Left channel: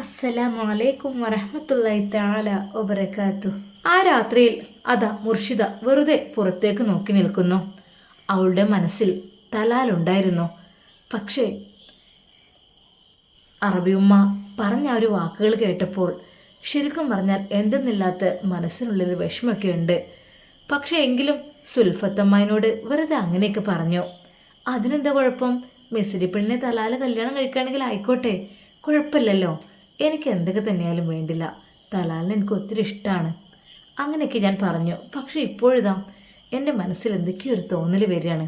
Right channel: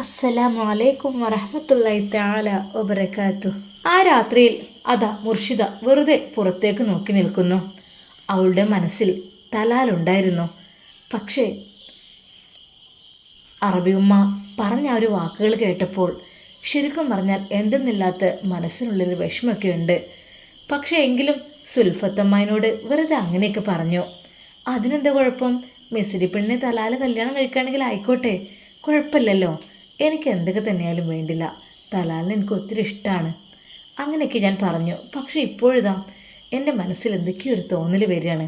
അസ്സലാമു അലൈക്കും വറഹ്മത്തുള്ളാഹി തആല വബറകാതുഹു. ആ രാത്രിയിൽ അതാ മുർഷിദ വെറുതെ പുറത്തേക്ക് നോക്കി നിൽക്കുന്നു. അവളുടെ മനസ്സിൽ തലാലുണ്ടായിരുന്നു. പക്ഷേ അറബി ഉമ്മ പറഞ്ഞ ആ ഒരു വാക്കുകൾ കേട്ടപ്പോൾ ശരിക്കും പറഞ്ഞാൽ എന്തെന്നില്ലാത്ത മനസ്സിനുള്ളിൽ വിഷമമൊക്കെ ഉണ്ട്. പക്ഷേ എങ്കിലും സുൽഫത്തമ്മയോട് വെറുതെ അങ്ങനെയൊക്കെ പറഞ്ഞു. അതിനെന്താ കുഴപ്പം? മിസ്രി പെണ്ണിനെ തലാല് കല്യാണം കഴിക്കുകയാണെങ്കിൽ ആയിക്കോട്ടെ, കുഴപ്പമില്ലല്ലോ. എനിക്ക് എന്തൊക്കെ തന്നെയായാലും വേണ്ടില്ല, തലാലിന് എനിക്ക് ഒത്തിരി ഇഷ്ടമാണ്. അങ്ങനെയൊക്കെ ഞാൻ പറഞ്ഞു. പക്ഷേ ഇപ്പോഴിതാ എൻ്റെ മനസ്സിൽ എന്തൊക്കെയോ ഒരു തോന്നൽ വരികയാണ്.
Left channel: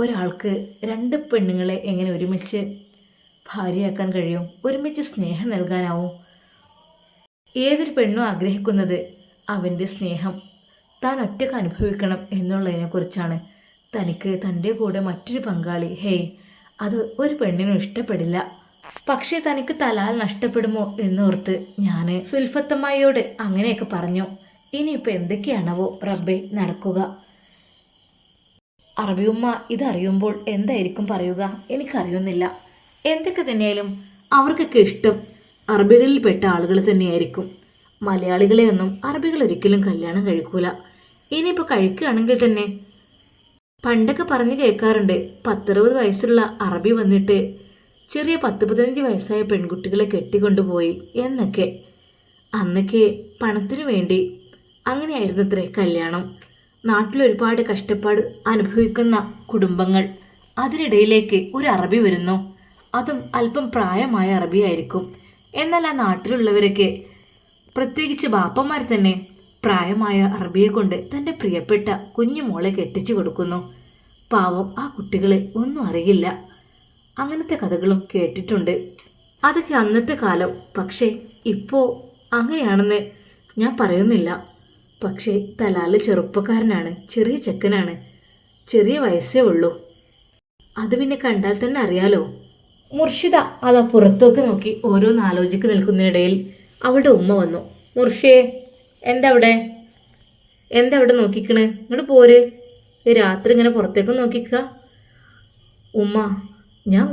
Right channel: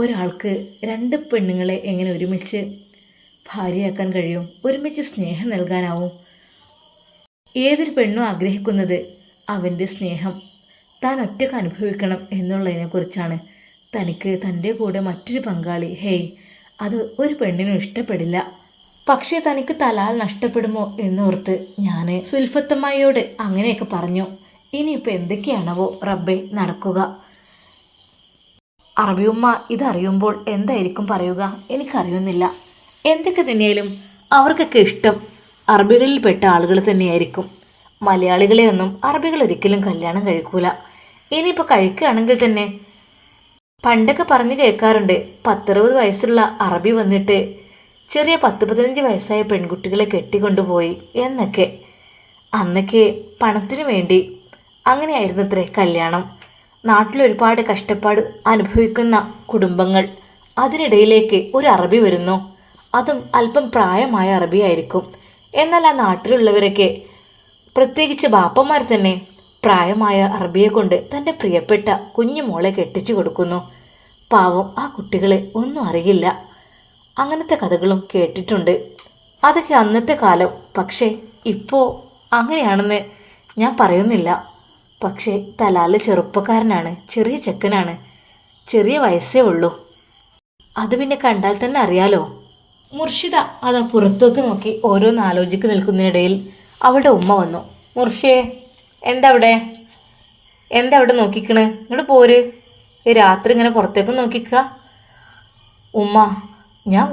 ഒരാൾക്ക് രണ്ട് പെണ്ണുങ്ങളെ എങ്ങനെ ഒരുമിച്ച് ഭാര്യയാക്കാൻ കഴിയും? ഒരുമിച്ച് സ്നേഹം നൽകാനാവും? ഏതൊരു പെണ്ണും ആഗ്രഹിക്കുന്നത് അവൻ്റെ സ്നേഹം താൻ ഒറ്റയ്ക്ക് അനുഭവിക്കണം എന്നുള്ളതിനെക്കുറിച്ചാണ്. തനിക്ക് തൻ്റെ കൂടെ മറ്റൊരു പങ്കാളി, ഹേയ്, അത് ഒരു പെണ്ണിനും ഇഷ്ടപ്പെടില്ല. പക്ഷേ തനിക്ക് തലാൽ നഷ്ടപ്പെടുമോ എന്നോർത്ത് ഞാൻ സുൽഫത്തമ്മയോട് അങ്ങനെയൊക്കെ പറഞ്ഞു. ഇനിയിപ്പോൾ എന്തൊക്കെയാണവോ റബ്ബേ നടക്കുക? അറബിയുമ്മ ഇതറിയുമ്പോൾ എന്തായിരിക്കും പറയുക? എനിക്കറിയുന്നില്ല. എന്തൊക്കെ തന്നെയായാലും അവർക്കൊക്കെ ഇഷ്ടം അറബികളിൽപ്പെട്ട ആളുകൾ തന്നെയായിരിക്കും. മലയാളികളെയൊന്നും അറബികൾ ഒരിക്കലും കല്യാണം കഴിക്കൂല. ഇനിയിപ്പോൾ കഴിക്കുകയാണെങ്കിൽ തന്നെ പണ്ടൊക്കെ പറഞ്ഞു കേൾക്കാറുണ്ട്, 10-60 വയസ്സുള്ള അറബി വന്നിട്ട് ചെറിയ 10-15 വയസ്സായ പെൺകുട്ടികളെ കെട്ടിക്കൊണ്ടുപോയി എന്നൊക്കെ. അന്നൊക്കെ പണത്തിനു വേണ്ടി അങ്ങനെയായിരുന്നത്രേ കല്യാണം. നാട്ടിലൊരുപാട് കഷ്ടപ്പാട് അനുഭവിക്കുന്ന കുടുംബങ്ങൾ, അതിനിടയിലേക്ക് ഒരു അറബി വരുന്നു, അതും അല്പം പ്രായമായ അറബിയായിരിക്കും. എന്നാൽ ആ നാട്ടിലുള്ളവരൊക്കെ, പ്രത്യേകിച്ച് ബാപ്പന്മാർ തന്നെ, പ്രായമായ അറബിയെ കൊണ്ട് തൻ്റെ പ്രിയപ്പെട്ട കുഞ്ഞുമോളെ കെട്ടിച്ചു കൊടുക്കുന്നു. പാവം, ആ കുട്ടികളെ ഒന്നും അറിയില്ല. അങ്ങനത്തെ കഥകളും കേട്ടിട്ടുണ്ട്. അതൊക്കെ അന്നത്തെ കാലം. പക്ഷേ ഇപ്പോൾ അങ്ങനെയാണെന്ന് ഞാൻ പറയുന്നില്ല. പക്ഷേ തലാല് ചെറുപ്പക്കാരനാണ്, ചെറിയ ചെക്കനാണ്, ചെറിയ വയസ്സേ ഉള്ളൂ. അത് പിന്നെ കണ്ടാൽ തന്നെ അറിയാലോ. മുർഷിദ അതാ പുറത്തേക്ക് നോക്കി ഓരോന്ന് ആലോചിക്ക് നിൽക്കുന്നതിനിടയിൽ അവളുടെ ഉമ്മ വന്നു. മുർഷിയെ, എന്താ അവിടെ നോക്കിക്കണ്? ഇങ്ങോട്ട് പോര്. ഈ രാത്രി ഇങ്ങനെ പുറത്തേക്ക് നോക്കിക്കുക. ഉമ്മ, ഞാൻ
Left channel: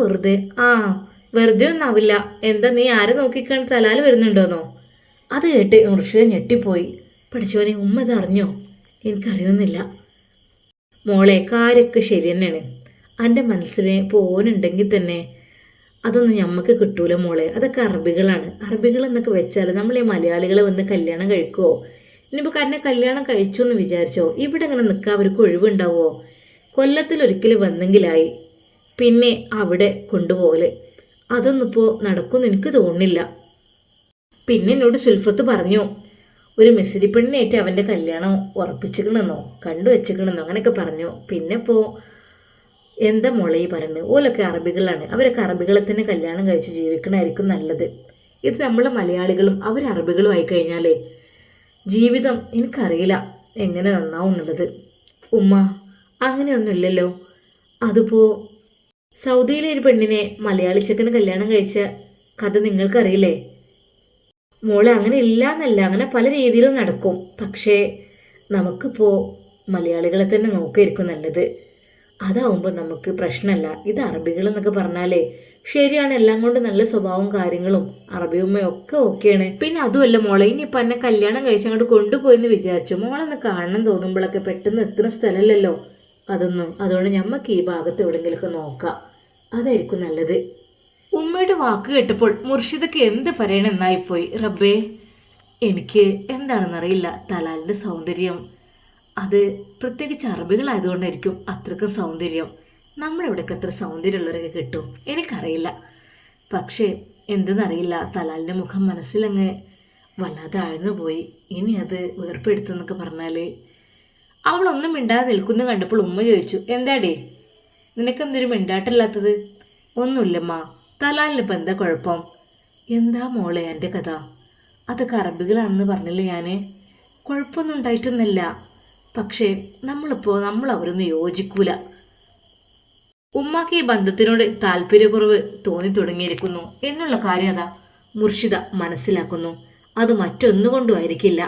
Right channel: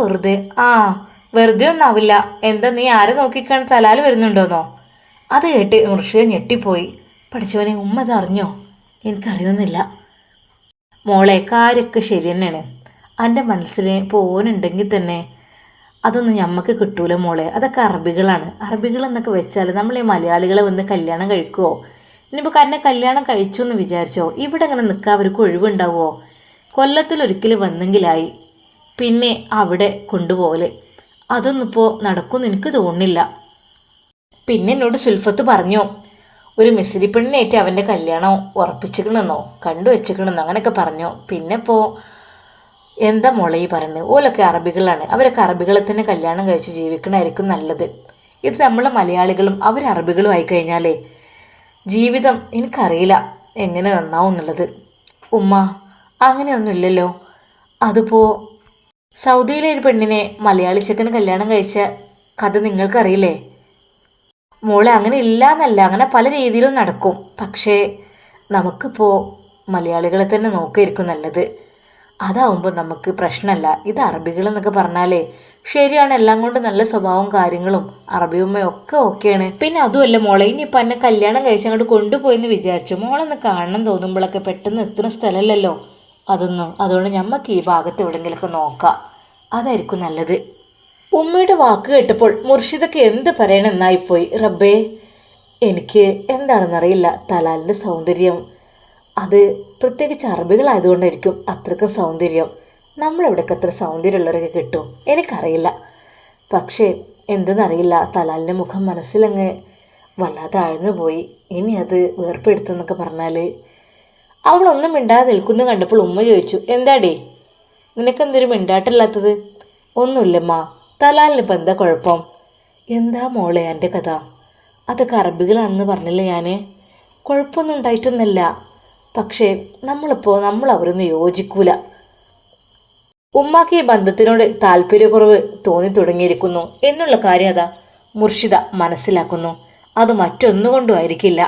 വെറുതെ ഒന്നാവില്ല. എന്താ, നീ ആരെ നോക്കിക്കാണ്? തലാല് വരുന്നുണ്ടോന്നോ? അത് കേട്ട് മുർഷിദ ഞെട്ടിപ്പോയി. പഠിച്ചവനെ, ഉമ്മ ഇതറിഞ്ഞോ? എനിക്കറിയുന്നില്ല. മോളെ, കാര്യമൊക്കെ ശരി തന്നെയാണ്. എൻ്റെ മനസ്സിൽ പോനുണ്ടെങ്കിൽ തന്നെ അതൊന്നും ഞമ്മക്ക് കിട്ടൂല മോളെ. അതൊക്കെ അറബികളാണ്. അറബികൾ എന്നൊക്കെ വെച്ചാൽ നമ്മൾ ഈ മലയാളികളെ വന്ന് കല്യാണം കഴിക്കുമോ? ഇനിയിപ്പോൾ എന്നെ കല്യാണം കഴിച്ചു എന്ന് വിചാരിച്ചോ, ഇവിടെ അങ്ങനെ നിൽക്കാൻ അവർക്ക് ഒഴിവുണ്ടാവുമോ? കൊല്ലത്തിലൊരിക്കൽ വന്നെങ്കിലായി, പിന്നെ അവിടെ കൊണ്ടുപോകല്. അതൊന്നും ഇപ്പോൾ നടക്കുമെന്ന് എനിക്ക് തോന്നുന്നില്ല. പിന്നെ എന്നോട് സുൽഫത്ത് പറഞ്ഞു, ഒരു മിസ്രി പെണ്ണിനായിട്ട് അവൻ്റെ കല്യാണം ഉറപ്പിച്ചിക്കണമെന്നോ കണ്ടുവച്ചിക്കണമെന്നോ അങ്ങനെയൊക്കെ പറഞ്ഞു. പിന്നെ ഇപ്പോൾ എന്താ മോളെ ഈ പറയുന്നത്? ഓലൊക്കെ അറബികളാണ്. അവരൊക്കെ അറബികളെ തന്നെ കല്യാണം കഴിച്ച് ജീവിക്കണമായിരിക്കും നല്ലത്. ഇത് നമ്മളെ മലയാളികളും അവർ അറബികളും ആയിക്കഴിഞ്ഞാലേ ജീവിതം എനിക്കറിയില്ല എങ്ങനെ നന്നാവും എന്നുള്ളത്. ഉമ്മ, അങ്ങനെയൊന്നുമില്ലല്ലോ. അതിപ്പോൾ സൗദിയിലെ ഒരു പെണ്ണിനെ മലയാളി ചെക്കന് കല്യാണം കഴിച്ച കഥ നിങ്ങൾക്കറിയില്ലേ? മോളെ, അങ്ങനെ ഇല്ല എന്നല്ല, അങ്ങനെ പല രീതിയിലും നടക്കും. പക്ഷേ നമുക്കിപ്പോൾ മലയാളികളെ തന്നെ നോക്കിയിരിക്കും നല്ലത്. അതാവുമ്പോൾ നമുക്ക് പ്രശ്നമല്ല. ഇത് അറബികളെന്നൊക്കെ പറഞ്ഞാലേ ശരിയാണ്, എല്ലാം കൊണ്ട് നല്ല സ്വഭാവവും കാര്യങ്ങളും അറബിയുമ്മയും ഒക്കെ ഓക്കെയാണ്. പിന്നെ അതുമല്ല മോളെ, ഇനിയിപ്പോൾ എന്നെ കല്യാണം കഴിച്ച് അങ്ങോട്ട് കൊണ്ടുപോയെന്ന് വിചാരിച്ചു മോളൊന്ന് കാണണം തോന്നുമ്പോഴൊക്കെ പെട്ടെന്ന് എത്തുന്ന സ്ഥലമല്ലല്ലോ അതൊന്നും. അതുകൊണ്ട് ഞമ്മക്ക് ഈ ഭാഗത്ത് എവിടെയെങ്കിലുമൊക്കെ നോക്കാം, അതായിരിക്കും നല്ലത്. ഉമ്മയുടെ വാക്ക് കേട്ടപ്പോൾ മുർഷിദക്ക് എന്ത് പറയണമെന്നായിപ്പോയി. റബ്ബേ, എനിക്ക് എന്താണെന്നറിയില്ല. തലാലിൻ്റെ സൗന്ദര്യം, അത് പ്രത്യേകിച്ച് അറബികളായതുകൊണ്ടായിരിക്കും അത്രയ്ക്കും സൗന്ദര്യം. നമ്മളെവിടെയൊക്കെ അത്ര സൗന്ദര്യമുള്ളവരൊക്കെ കിട്ടും എനിക്കറിയില്ല. പക്ഷേ എന്തെന്നറിയില്ല, തലാലിൻ്റെ മുഖം മനസ്സിലങ്ങ് വല്ലാതെ ആഴ്ന്നു പോയി. ഇനി അത് വേർപ്പെടുത്തുന്നൊക്കെ പറഞ്ഞാൽ. അവളൊന്നും മിണ്ടാതെ നിൽക്കുന്നു കണ്ടപ്പോൾ ഉമ്മ ചോദിച്ചു, എന്താടേ നിനക്കെന്തൊരു മിണ്ടാട്ടല്ലാത്തത്? ഒന്നുമില്ലമ്മ, തലാലിനിപ്പോൾ എന്താ കുഴപ്പം? എന്താ മോളെ എൻ്റെ കഥ? അതൊക്കെ അറബികളാണെന്ന് പറഞ്ഞില്ലേ ഞാൻ. കുഴപ്പമൊന്നും ഉണ്ടായിട്ടൊന്നുമല്ല. പക്ഷേ നമ്മൾ അവരൊന്നും യോജിക്കൂല. ഉമ്മാക്ക് ഈ ബന്ധത്തിനോട് താല്പര്യക്കുറവ് തോന്നി തുടങ്ങിയിരിക്കുന്നു എന്നുള്ള കാര്യം അതാ മുർഷിദ മനസ്സിലാക്കുന്നു. അത് മറ്റൊന്നുകൊണ്ടും ആയിരിക്കില്ല.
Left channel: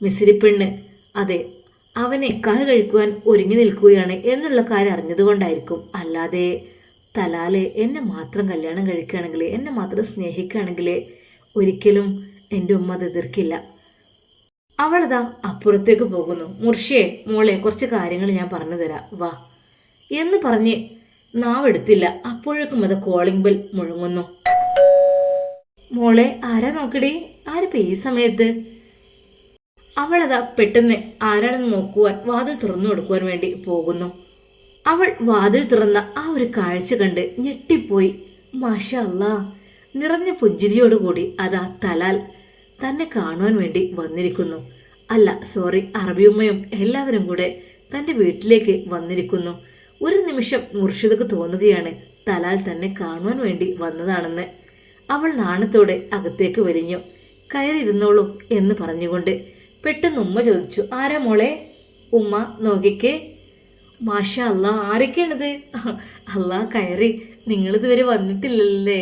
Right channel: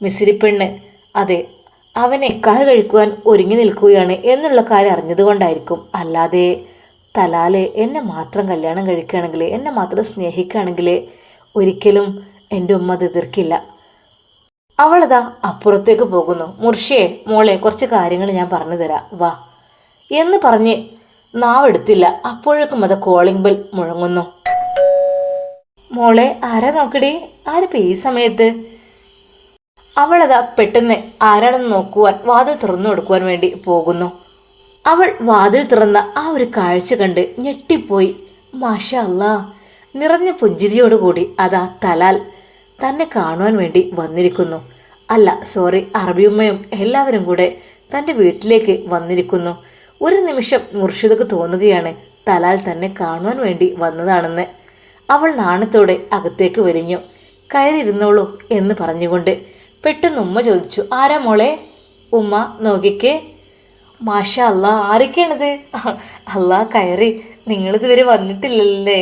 മിസ്രി പെണ്ണ്, അതെ, അവനെ കഹ കഴിക്കുവാൻ ഒരുങ്ങി നിൽക്കുകയാണ് എന്നുള്ള കാര്യം അറിഞ്ഞതുകൊണ്ടായിരിക്കും. അല്ലാതെ തലാലെ എന്നെ മാത്രം കല്യാണം കഴിക്കുകയാണെങ്കിൽ, എന്നെ മാത്രം സ്നേഹിക്കുകയാണെങ്കിൽ ഒരിക്കലും എൻ്റെ ഉമ്മ അത് എതിർക്കില്ല. അവളതാ അപ്പുറത്തേക്ക് പോകുന്നു. മുർഷിയെ മോളെ കുറച്ച് കാര്യങ്ങൾ ഞാൻ പറഞ്ഞു തരാം, വാ എന്ന് പറഞ്ഞ് നാവെടുത്തില്ല. അപ്പോഴേക്കും അത് കോളിംഗ് ബെൽ മുഴങ്ങുന്നു. മോളെ ആരാ നോക്കടി, ആരിപ്പോൾ ഈ സമയത്ത്? അവളതാ പെട്ടെന്ന് ആരാണെന്ന് നോക്കുവാൻ വാതിൽ തുറന്നു കൊടുക്കുവാൻ വേണ്ടി പോകുന്നു. അവൾ വാതിൽ തുറന്ന ആ ഒരു കാഴ്ച കണ്ട് ഞെട്ടിപ്പോയി. മാഷാ അല്ലാ, നിറഞ്ഞ പുഞ്ചിരിയോടുകൂടി അതാ തലാൽ തന്നെ കാണുവാൻ വേണ്ടി വന്നിരിക്കുന്നു. അല്ല സോറി, അറബിയുമ്മയും എല്ലാവരും കൂടെ തൻ്റെ വീട്ടിലേക്ക് വന്നിരിക്കുന്നു. ഒരു നിമിഷം മുർഷിദക്ക് തോന്നുകയാണ് തലാൽ തന്നെ കാണുവാൻ വേണ്ടി വന്നതാണെന്ന്. അവൾ നാണത്തോടെ അകത്തേക്ക് വലിഞ്ഞു. കയറിയിരുന്നോളൂ എന്ന് പറഞ്ഞുകൊണ്ട് പെട്ടെന്ന് ഉമ്മ ചോദിച്ചു, ആരാ മോളെ? ഉമ്മ നോക്കിക്കേ. മാഷാ അല്ലാ, ആരൊക്കെയാണിത്? അല്ലാ കയറി, നിങ്ങളിതുവരെ വന്നിട്ടില്ലല്ലേ?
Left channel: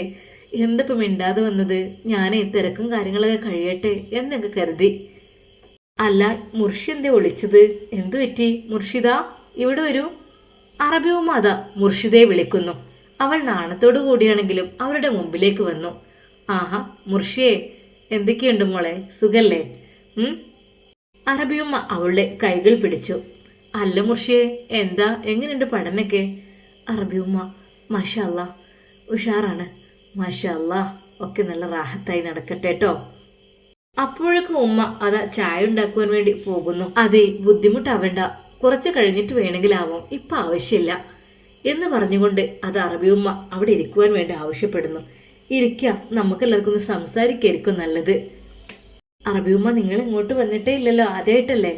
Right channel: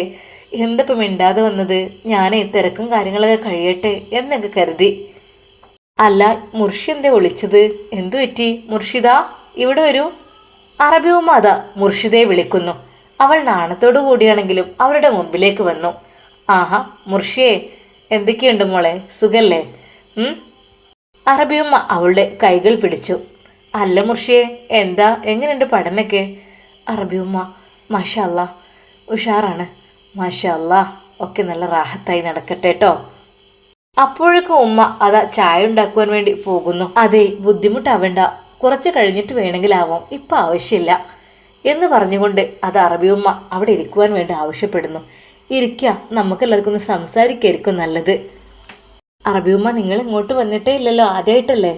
എന്തപ്പം മിണ്ടാതെ വന്നത്? ഞാനേ തിരക്കും കാര്യങ്ങളൊക്കെ കഴിയട്ടെ എന്നൊക്കെ കരുതി. അല്ല മുർഷി എന്തേ വിളിച്ചത്? എന്തു പറ്റി? മുർഷിദ ഇവിടെ വരൂ. അറബി ഉമ്മ അതാ മുർഷിദയെ വിളിക്കുന്നു. അവൾ നാണത്തോടു കൂടിയാണെങ്കിലും അവരുടെ മുമ്പിലേക്ക് വന്നു. ആഹാ മുർഷിയെ, എന്തൊക്കെയുണ്ട് മോളെ, സുഖല്ലേ? അറബിയമ്മ അവളുടെ കൈകൾ പിടിച്ചു. അല്ല മുർഷിയെ, എന്താ എങ്ങനെയുണ്ട് പഠനമൊക്കെ? അറബിയമ്മ മാഷാ അല്ലാ ഉഷാറാണ്, മാഷാ അല്ലാ, ഒക്കെ നല്ല റാഹത്തായി നടക്കട്ടെ കേട്ടോ. അപ്പോഴേക്കും ഉമ്മ അതാ ചായ ഉണ്ടാക്കുവാൻ വേണ്ടി പോകുന്നു. അതെ, ബുദ്ധിമുട്ടാവണ്ട, കുറച്ച് കഴിഞ്ഞിട്ട് വേണമെങ്കിലാവും, ഇപ്പം ആവശ്യമില്ല എന്ന് പറഞ്ഞുകൊണ്ട് അത് അറബിയമ്മ അവിടെ ഇരിക്കുവാൻ വേണ്ടി ആവശ്യപ്പെടുന്നു. ഇരിക്കുക, നമുക്കെല്ലാവർക്കും ഒന്ന് സംസാരിക്കായിരിക്കും നല്ലത്. അറബിയമ്മ നിങ്ങൾ ഇങ്ങോട്ട് വന്നിട്ടേ ഇല്ലല്ലോ, ആദ്യമായിട്ടല്ലേ?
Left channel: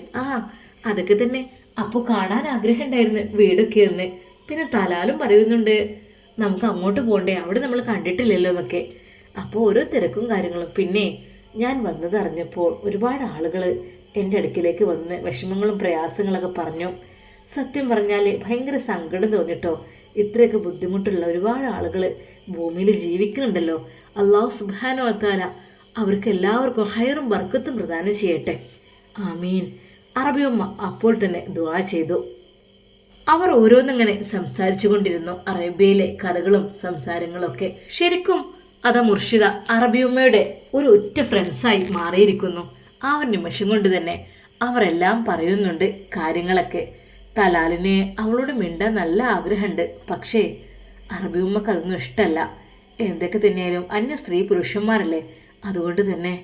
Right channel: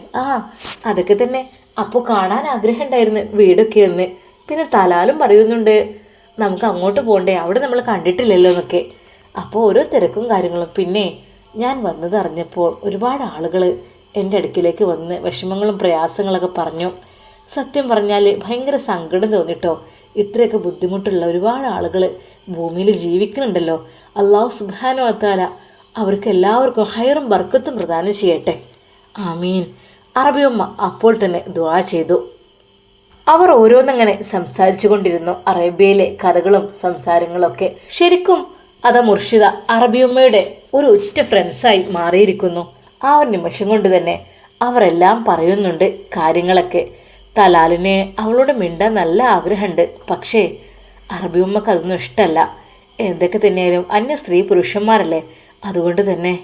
അതൊക്കെ തന്നെ. അപ്പോൾ കാണാൻ ആഗ്രഹം ഉണ്ടായിരുന്നു വീടൊക്കെ ഒന്ന്. പിന്നെ തലാലും പറയുന്നുണ്ട് നമുക്ക് അങ്ങോട്ട് പോകണ്ടേ, അവിടെ നമ്മൾ കണ്ടിട്ടില്ലല്ലോ എന്നൊക്കെ. അപ്പോൾ ഓരോ തിരക്കും കാര്യങ്ങളും. പിന്നെ ഞാൻ വന്നതറിഞ്ഞപ്പോൾ ഒരുപാട് ആളുകൾ എൻ്റെ അടുക്കിലേക്ക് വന്ന് വിഷമങ്ങളും പ്രയാസങ്ങളൊക്കെ പറഞ്ഞു. സത്യം പറഞ്ഞാൽ ഭയങ്കര സങ്കടം തോന്നിട്ടോ. ഇത്രയൊക്കെ ബുദ്ധിമുട്ടുള്ള ഒരുപാട് ആളുകൾ ഭൂമിയിൽ ജീവിക്കുന്നുണ്ടല്ലോ. അല്ലാഹു സുബ്ഹാനഹു വ തആല അവർക്ക് എല്ലാവർക്കും ഹൈറും ബർക്കത്തും പ്രദാനം ചെയ്യട്ടെ, ആമീൻ. അറബിയമ്മ അപ്പോൾ തന്നെ ദുആ ചെയ്തു. അവർ ഓരോന്നങ്ങനെ സംസാരിച്ചു കൊണ്ടിരുന്നു. അറേബ്യയിലെ കഥകളും സംസാരങ്ങളൊക്കെ. ശരിക്കും അതാ മുർഷിദ അറബിയമ്മയുടെ ഒരു ഉറ്റ ഫ്രണ്ട്സായി മാറിയിരിക്കുന്നു. ആ ഒരു നിമിഷം കൊണ്ട് തന്നെ അവരെല്ലാം പറയുന്നുണ്ട് കാര്യങ്ങളൊക്കെ. തലാലിനെ അവളോട് മിണ്ടാൻ നല്ല ആഗ്രഹമുണ്ട്, പക്ഷേ അറബിയമ്മക്ക് അതൊന്നും ഇഷ്ടമല്ല. എന്തൊക്കെ തന്നെയായാലും അന്യ സ്ത്രീ പുരുഷന്മാരല്ലേ, അതുകൊണ്ട് തന്നെ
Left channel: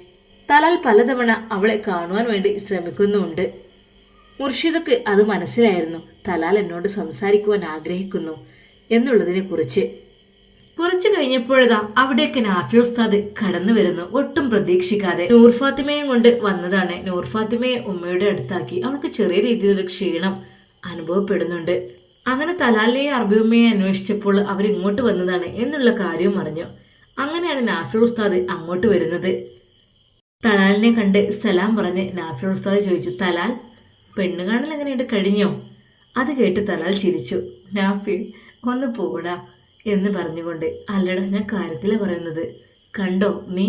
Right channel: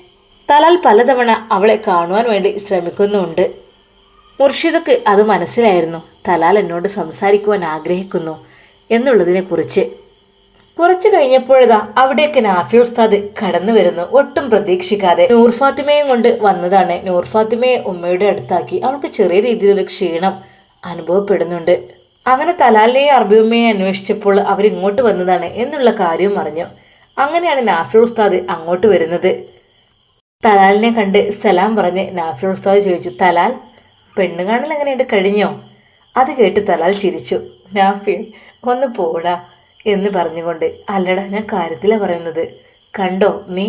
തലാൽ പലതവണ അവളെ കാണുവാൻ വേണ്ടി ശ്രമിക്കുന്നുമുണ്ട്. മുർഷിദക്ക് അത് മനസ്സിലായിരുന്നു, തലാൽ എന്നോട് സംസാരിക്കുവാൻ ആഗ്രഹിക്കുന്നു എന്നുള്ളതിനെക്കുറിച്ച്. കുറച്ച് കഴിഞ്ഞപ്പോഴതാ അവിടേക്ക് നാഫി ഉസ്താദ് കടന്നു വരുന്നു. ഒട്ടും പ്രതീക്ഷിക്കാതെ നൂർ ഫാത്തിമയും കൊണ്ട് വന്നതാണ്. നൂർ ഫാത്തിമയെ ഉമ്മയുടെ അടുത്താക്കി. അവൾക്ക് ചെറിയ രീതിയിലൊരു ക്ഷീണം അനുഭവപ്പെടുന്നുണ്ട്. അങ്ങനെ തലാലിനെയും അറബിയമ്മയെ അന്വേഷിച്ചപ്പോൾ അവരിങ്ങോട്ട് വന്നതാണ് എന്നുള്ള കാര്യവും അറിഞ്ഞു. അങ്ങനെയാണ് നാഫി ഉസ്താദ് അങ്ങോട്ട് വരുന്നത്. തലാലിനെ കണ്ട് സലാം പറഞ്ഞ് നാഫി ഉസ്താദ് ചോദിച്ചു, തലാൽ പെണ്ണ് കാണൽ എങ്ങനെയുണ്ട്, കഴിഞ്ഞോ? അത് കേട്ട് തലാൽ ചിരിച്ചു. നാഫി ഒന്ന് പോടാ എന്ന് പറഞ്ഞുകൊണ്ട്, അല്ലടാ ഞാൻ കാര്യത്തിലാണ് പറയുന്നത്, കണ്ടോ നീ?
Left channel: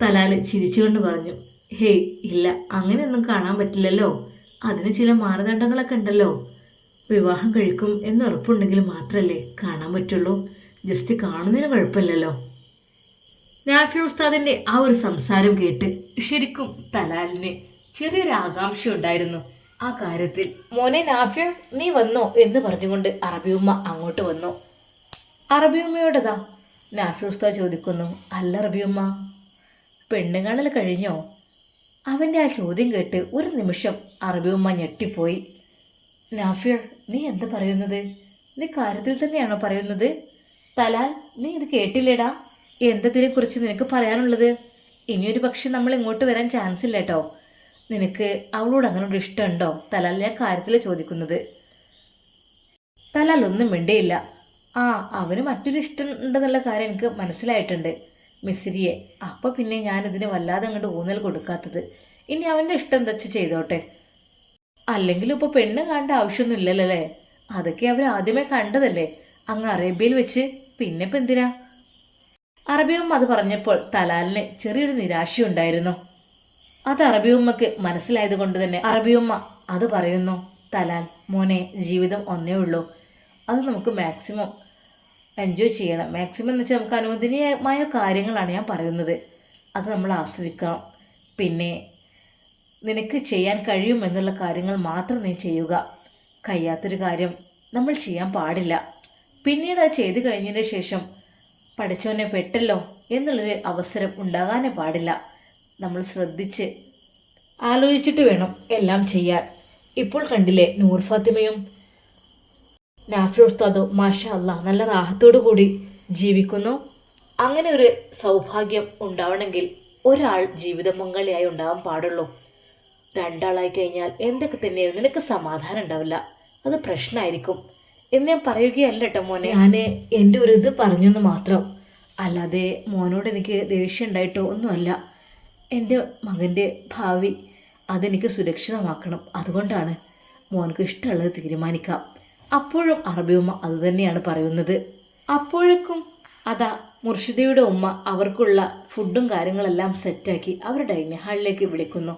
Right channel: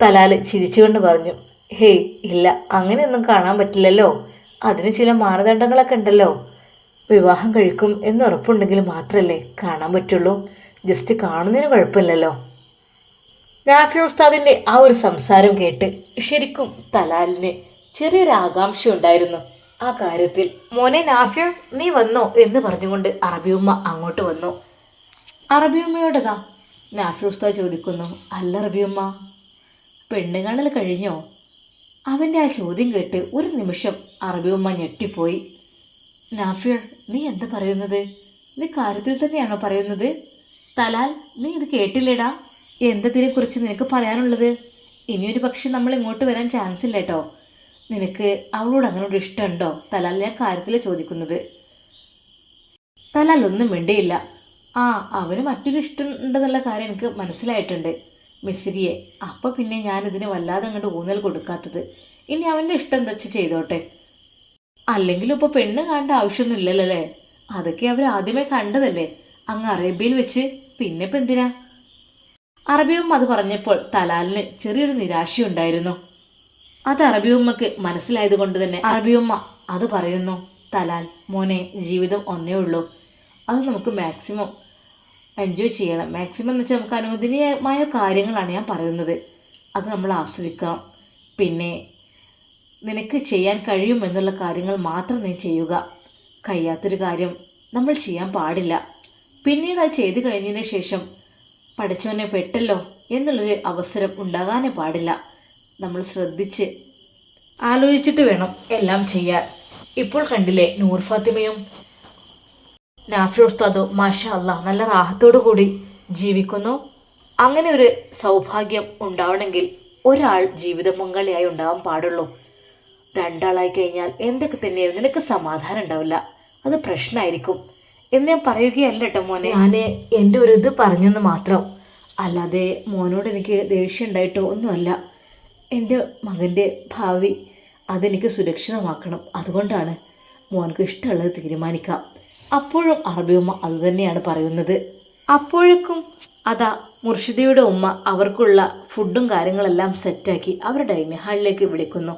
തലാൽ ചിരിച്ചുകൊണ്ട് പറഞ്ഞു, ഹേയ് ഇല്ല, അങ്ങനെയൊന്നും കാണാൻ പറ്റില്ലല്ലോ, അതിന് ചില മാനദണ്ഡങ്ങളൊക്കെ ഉണ്ടല്ലോ. വിവാഹം കഴിക്കും എന്ന് ഉറപ്പുണ്ടെങ്കിൽ മാത്രമല്ലേ കാണാൻ പറ്റുള്ളൂ, ജസ്റ്റ് കാണുന്നതിന് കുഴപ്പമില്ലല്ലോ. നാഫി ഉസ്താദിൻ്റെ ആ ഒരു സംസാരം കേട്ട് ശരിക്കും തലാലിന് ചെറിയൊരു ആകാംക്ഷ ഉണ്ടായിരുന്നു ആ കാര്യത്തിൽ. മോനെ നാഫി, നീ വന്നോ എന്ന് പറഞ്ഞുകൊണ്ട് അറബിയമ്മ അങ്ങോട്ട് വന്നു. അറബിയമ്മയോടതാ നാഫി ഉസ്താദ് ചോദിക്കുന്നു, അല്ല അറബിയമ്മ, പെണ്ണ് കാണൽ കഴിഞ്ഞോ? അവൻ്റെ ആ ചോദ്യം കേട്ട് ഒരു നിമിഷം അറബിയമ്മ ഞെട്ടിപ്പോയി. നാഫിർ, നീ എന്താ പറയുന്നത്? നീ കാര്യത്തിൽ തന്നെയാണോ പറയുന്നത്? തലാൽ, നീ ഇത് കേട്ടില്ലേടാ? എന്തതിനെക്കുറിച്ച് നിനക്ക് പറയാനുള്ളത്? ഇനിയൊരു പക്ഷെ നമ്മൾ ഇങ്ങോട്ട് വരാൻ ചാൻസ് ഇല്ല കേട്ടോ. നിനക്ക് അവളോട് അങ്ങനെ ഒരു ഇഷ്ടമുണ്ടോ? തലാൽ ഞാൻ കാര്യത്തിൽ ചോദിക്കുന്നത്. തലാൽ ഒന്നും മിണ്ടയില്ല. അവന് മറ്റൊരു ഇഷ്ടം ഉണ്ടെന്നുള്ള കാര്യം എനിക്ക് മനസ്സിലായിട്ടുണ്ട്, മിസ്രിയെ. അപ്പോൾ പിന്നെ ഞാനിതിന് വല്ലാതെ അങ്ങോട്ട് ഊന്നൽ കൊടുക്കാത്തത്. ഇനി അവൻ്റെ ഇഷ്ടം എന്താ വെച്ചാൽ ചെയ്തോട്ടെ. അല്ലെങ്കിലും ഇപ്പോൾ പെണ്ണ് കാണേണ്ട ആവശ്യമൊന്നും ഇല്ലല്ലോ അല്ലേ? അതൊക്കെ അവർ ആദ്യമേ കണ്ടതല്ലേ അങ്ങ് അറേബ്യയിൽ വെച്ച്. പിന്നെ ഇപ്പം എന്തിനാ? അറബിയമ്മ അത് പറഞ്ഞപ്പോൾ തലാലിന് ചെറിയൊരു നിരാശയുണ്ടായിരുന്നു. അത് അറബിയമ്മക്ക് മനസ്സിലായത് കൊണ്ട് തന്നെ അറബിയമ്മ അത് പറയുന്നു, തലാൽ മോനെ, ജീവിതം ഒന്നേ ഉള്ളൂ, അത് നമുക്ക് മാക്സിമം എൻജോയ് ചെയ്യണം. മാക്സിമം എന്ന് വെച്ചാൽ നമുക്ക് അനുവദനീയമായ കാര്യങ്ങളാണ് ഞാൻ പറയുന്നത്. അത് നമ്മൾ ആസ്വദിക്കണം. പിന്നെ നിനക്ക് ചെയ്യാൻ കഴിയുമെന്നുള്ള കാര്യങ്ങൾ മാത്രം നീ ചെയ്യുക. കഴിയാത്തൊരു കാര്യം നമ്മൾ ചെയ്യാൻ പാടില്ല. പിന്നീട് അത് ചെയ്തു കഴിഞ്ഞതിന് ശേഷം പഠിച്ചവനെ പെട്ടല്ലോ എന്നുള്ളൊരു അവസരം ഉണ്ടാകാനേ പാടില്ല. നമ്മൾ ശ്രദ്ധിച്ച് ആലോചിച്ചിട്ട് വേണം എല്ലാം ചെയ്യാൻ. ഇപ്പോൾ കണ്ടില്ലേ, നൂർ ഫാത്തിമയും നാഫി ഉസ്താദും മാഷാ അല്ലാ നല്ല റാഹത്തോടു കൂടി ജീവിക്കുന്നു. അങ്ങനെ ഒരു സൗഭാഗ്യം ഉണ്ടാവണമെങ്കിൽ ഒരാൾ ജീവിത പങ്കാളിയായി ഉണ്ടാവാൻ പാടുള്ളൂ. രണ്ടാളായി കഴിഞ്ഞാൽ എന്തൊക്കെ തന്നെയായിരുന്നു നിനക്ക് സമാധാനം ഉണ്ടാവില്ല, അത് പ്രശ്നമായിരിക്കും എന്ന് ഞാൻ പറയുകയല്ല കേട്ടോ മോനെ. ഞാൻ എൻ്റെ ഒരു ഇത് പറഞ്ഞെന്ന് മാത്രം, അല്ലാതെ മോനോട് എനിക്ക് ദേഷ്യം ഉണ്ടായിട്ടോ ഒന്നുമല്ല. എൻ്റെ മകൻ്റെ ഭാവി അതെനിക്ക് സുരക്ഷിതമാക്കണം, അതുകൊണ്ടാണ് മോനക്ക് ഇഷ്ടമുള്ളത് തീരുമാനിക്കാം. അപ്പോഴും അറബി ഉമ്മ അതുതന്നെയാണ് പറയുന്നത്. അപ്പോഴേക്കും അതാ മുർഷിദയുടെ ഉമ്മ അവർക്കുള്ള ഫുഡും കാര്യങ്ങളെല്ലാം സെറ്റാക്കി അവരുടെ ഡൈനിങ് ഹാളിലേക്ക് വിളിക്കുന്നു.